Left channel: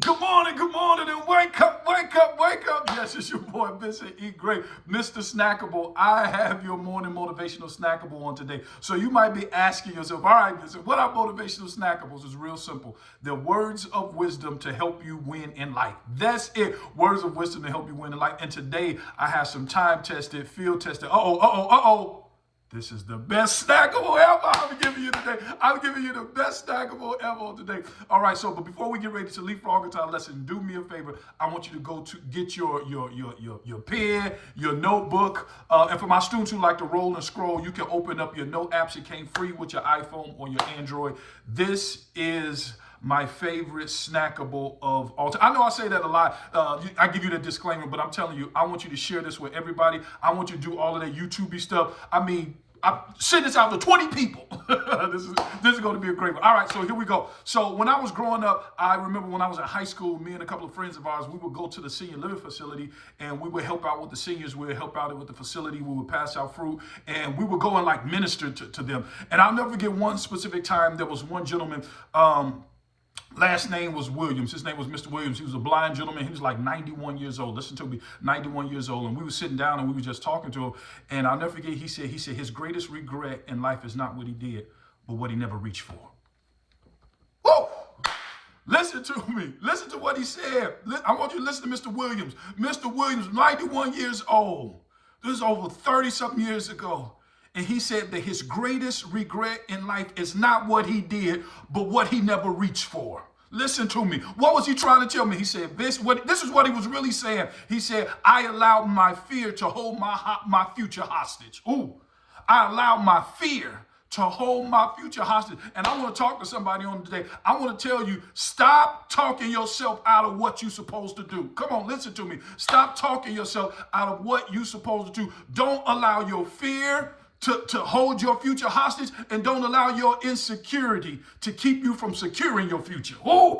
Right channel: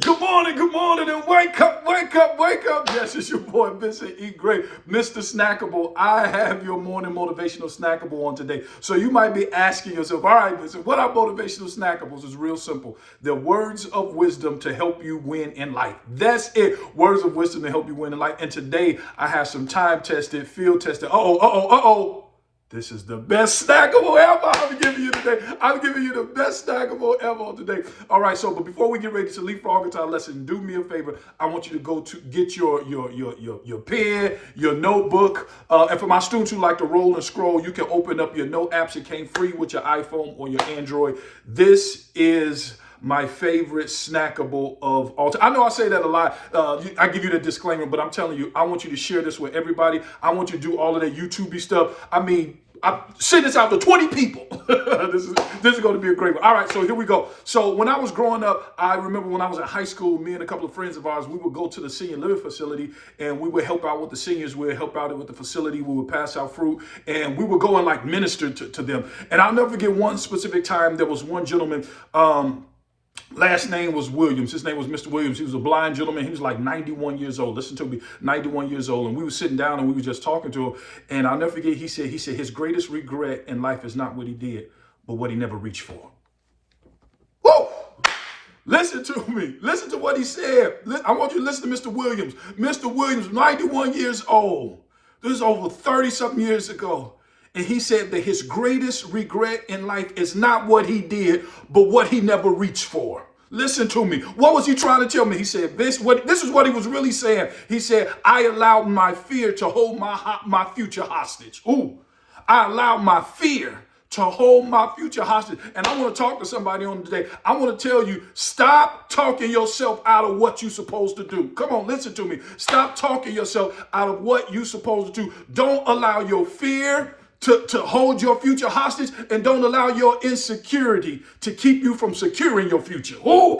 Good morning, and wake up, wake up, wake up. Yes, it's your boy, Vincent.Gray, Mr. Snackable. I have your morning motivational snackable on today. So you might be asking yourself, all right, Vincent, what are motivational snackables? It's real simple. They're words of wisdom to help you win in life. That's it. Words of wisdom to help you win in life. And today I have some time-tested, field-tested, this is the best snackable ever. I'm giving you today. I'm giving you the best snackable ever today. All right, but before we get ready to leapfrog into our lesson, do me a favor. I want you to go to get your pen, your notebook. And for my students who like to roll and scroll, you can open up your note apps. It came free with your iPhone or your Android. This is my favorite snackable of all time. I know I say that a lot. I give you the disclaimer, but I'm telling you, I want you to share this with everybody. I want you to do all of that YouTube stuff. I mean, I send this out to 20 people. this is going to be a great one. All right, so here we go. So when I was growing up, I remember when I was in high school, me and a couple of friends of ours, we would go to the senior living facility and we would help out with the seniors. We would help out with the facility. We would pass out fruit and we would go and like minister to them. And I'll never forget one specific time. There was one gentleman, last name was Williams. His name was Mr. Williams. He was a blind gentleman. He was like 91 years old. Listen to me, 91 years old. And we were sitting down and we were just talking to him. And I'll never forget, he said his greatest regret in life is not what he did, but what he never reached for. Woo! Listen to me. Listen to what he said. I want you to listen to Mr. Williams. Mr. Williams, 91 years old. This is over 30-something years ago. And he said that his greatest regret in life is not what he did, but what he never reached for. Listen to me. What was he trying to tell me? He said, this is what he was really saying. He said, I allowed my fear to hold my future hostage. Ooh, I allowed my fear to hold my future hostage. And I want to talk to somebody on today. I want to tell you, stop talking yourself out of what you're supposed to do. Come on, listen to me. Stop talking yourself out of what you're supposed to do. Don't allow your fear to hold your future hostage, and don't allow your insecurity to keep you from securing your future. Oh,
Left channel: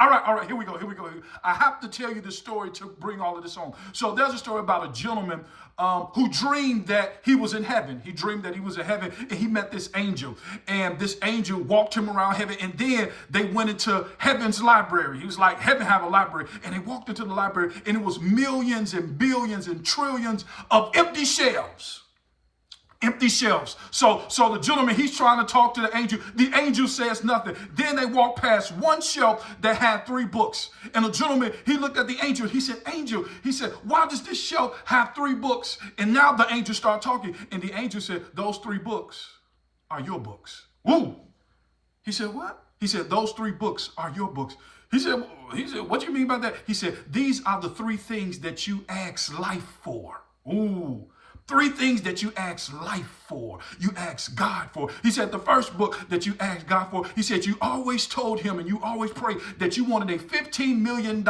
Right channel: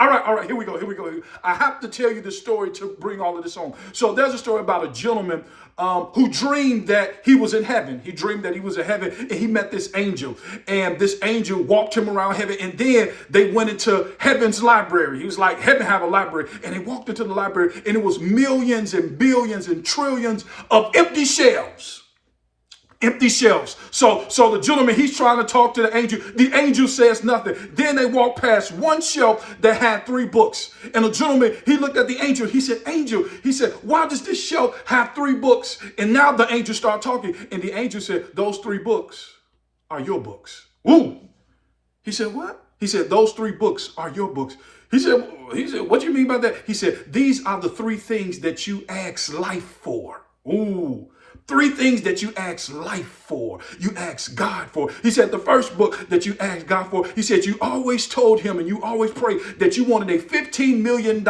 all right, here we go. I have to tell you the story to bring all of this on. So there's a story about a gentleman who dreamed that he was in heaven. He dreamed that he was in heaven, and he met this angel, and this angel walked him around heaven, and then they went into heaven's library. He was like, heaven have a library, and they walked into the library, and it was millions and billions and trillions of empty shelves. Empty shelves. So the gentleman, he's trying to talk to the angel. The angel says nothing. Then they walk past one shelf that had 3 books. And the gentleman, he looked at the angel. He said, angel, he said, why does this shelf have 3 books? And now the angel started talking. And the angel said, those 3 books are your books. Ooh. He said, what? He said, those 3 books are your books. He said, what do you mean by that? He said, these are the 3 things that you ask life for. Ooh. 3 things that you ask life for, you ask God for. He said the first book that you asked God for, he said you always told him and you always prayed that you wanted a $15 million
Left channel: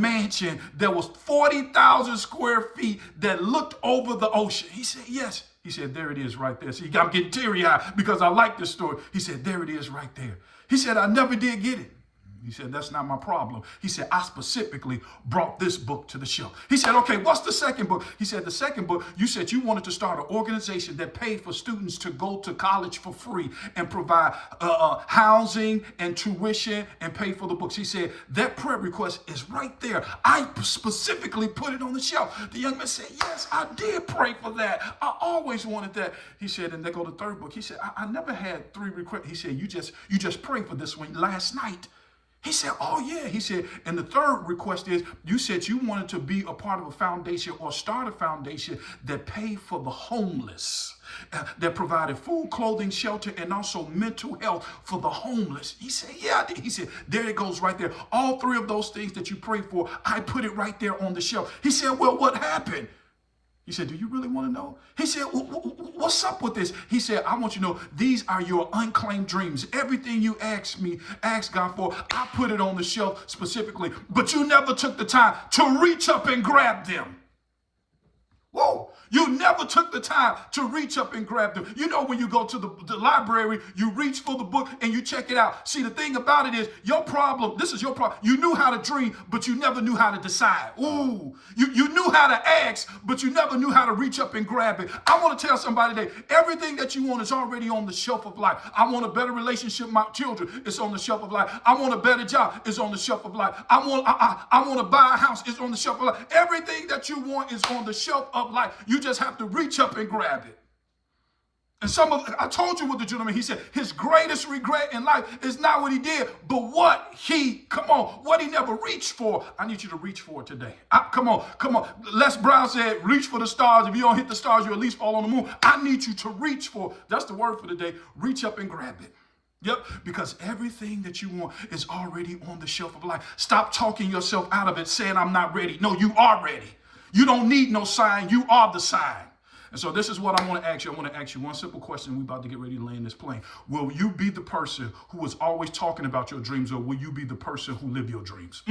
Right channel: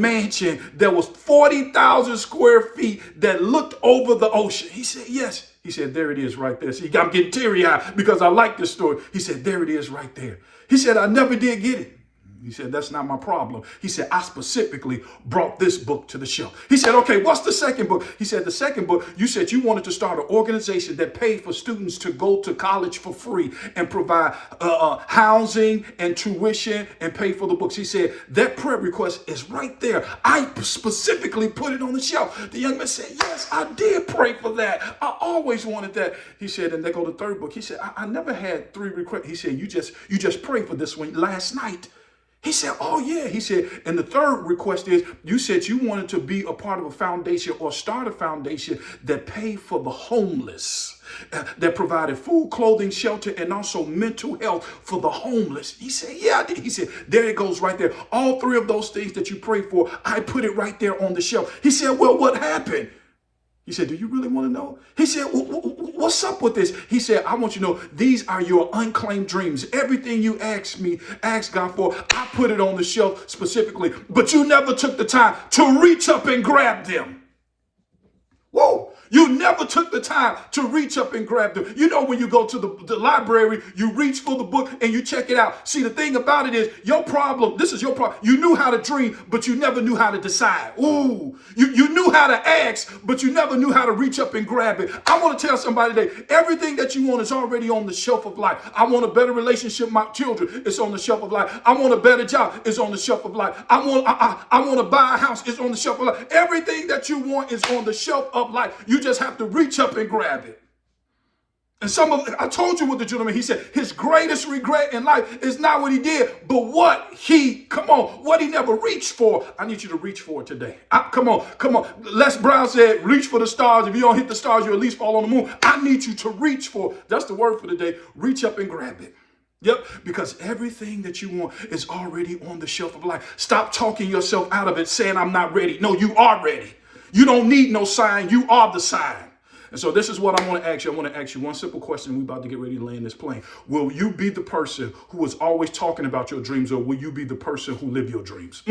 mansion that was 40,000 square feet that looked over the ocean. He said, yes. He said, there it is right there. See, I'm getting teary-eyed because I like this story. He said, there it is right there. He said, I never did get it. He said, that's not my problem. He said, I specifically brought this book to the shelf. He said, okay, what's the second book? He said, the second book, you said you wanted to start an organization that paid for students to go to college for free and provide housing and tuition and pay for the books. He said, that prayer request is right there. I specifically put it on the shelf. The young man said, yes, I did pray for that. I always wanted that. He said, and they go to the third book. He said, I never had 3 requests. He said, you just prayed for this one last night. He said, oh, yeah. He said, and the third request is, you said you wanted to be a part of a foundation or start a foundation that paid for the homeless, that provided food, clothing, shelter, and also mental health for the homeless. He said, yeah, I did. He said, there it goes right there. All 3 of those things that you prayed for, I put it right there on the shelf. He said, well, what happened? He said, do you really want to know? He said, what's up with this? He said, I want you to know these are your unclaimed dreams. Everything you ask God for, I put it on the shelf specifically, but you never took the time to reach up and grab them. Whoa. You never took the time to reach up and grab them. You know, when you go to the library, you reach for the book and you check it out. See, the thing about it is your problem, this is your problem. You knew how to dream, but you never knew how to decide. Ooh, you knew how to ask, but you never knew how to reach up and grab it. I want to tell somebody today, everything that you want is already on the shelf of life. I want a better relationship with my children. It's on the shelf of life. I want a better job. It's on the shelf of life. I want to buy a house. It's on the shelf of life. Everything that you want is on the shelf of life. You just have to reach up and grab it. And I told you what the gentleman, he said, his greatest regret in life is not what he did, but what he never reached for. I need you to reach for it today. Come on. Les Brown said, reach for the stars. If you don't hit the stars, you at least fall on the moon. I need you to reach for, that's the word for the day, reach up and grab it. Yep, because everything that you want is already on the shelf of life. Stop talking yourself out of it, saying I'm not ready. No, you are ready. You don't need no sign. You are the sign. And so this is what I want to ask you. I want to ask you one simple question. We're about to get ready to land this plane. Will you be the person who is always talking about your dreams, or will you be the person who live your dreams?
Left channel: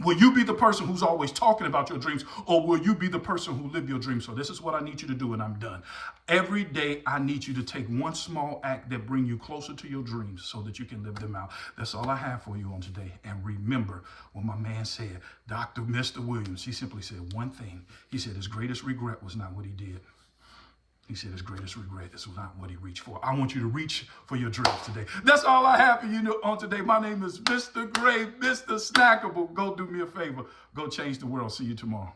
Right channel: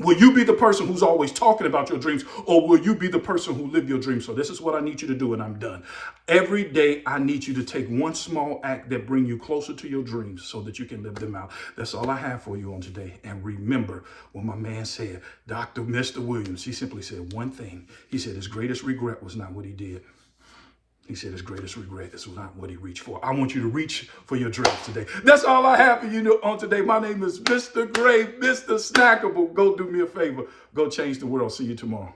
Will you be the person who's always talking about your dreams, or will you be the person who live your dreams? So this is what I need you to do, and I'm done. Every day, I need you to take one small act that bring you closer to your dreams so that you can live them out. That's all I have for you on today. And remember what my man said, Mr. Williams, he simply said one thing. He said his greatest regret was not what he did. He said his greatest regret is not what he reached for. I want you to reach for your dreams today. That's all I have for you on today. My name is Mr. Gray, Mr. Snackable. Go do me a favor. Go change the world. See you tomorrow.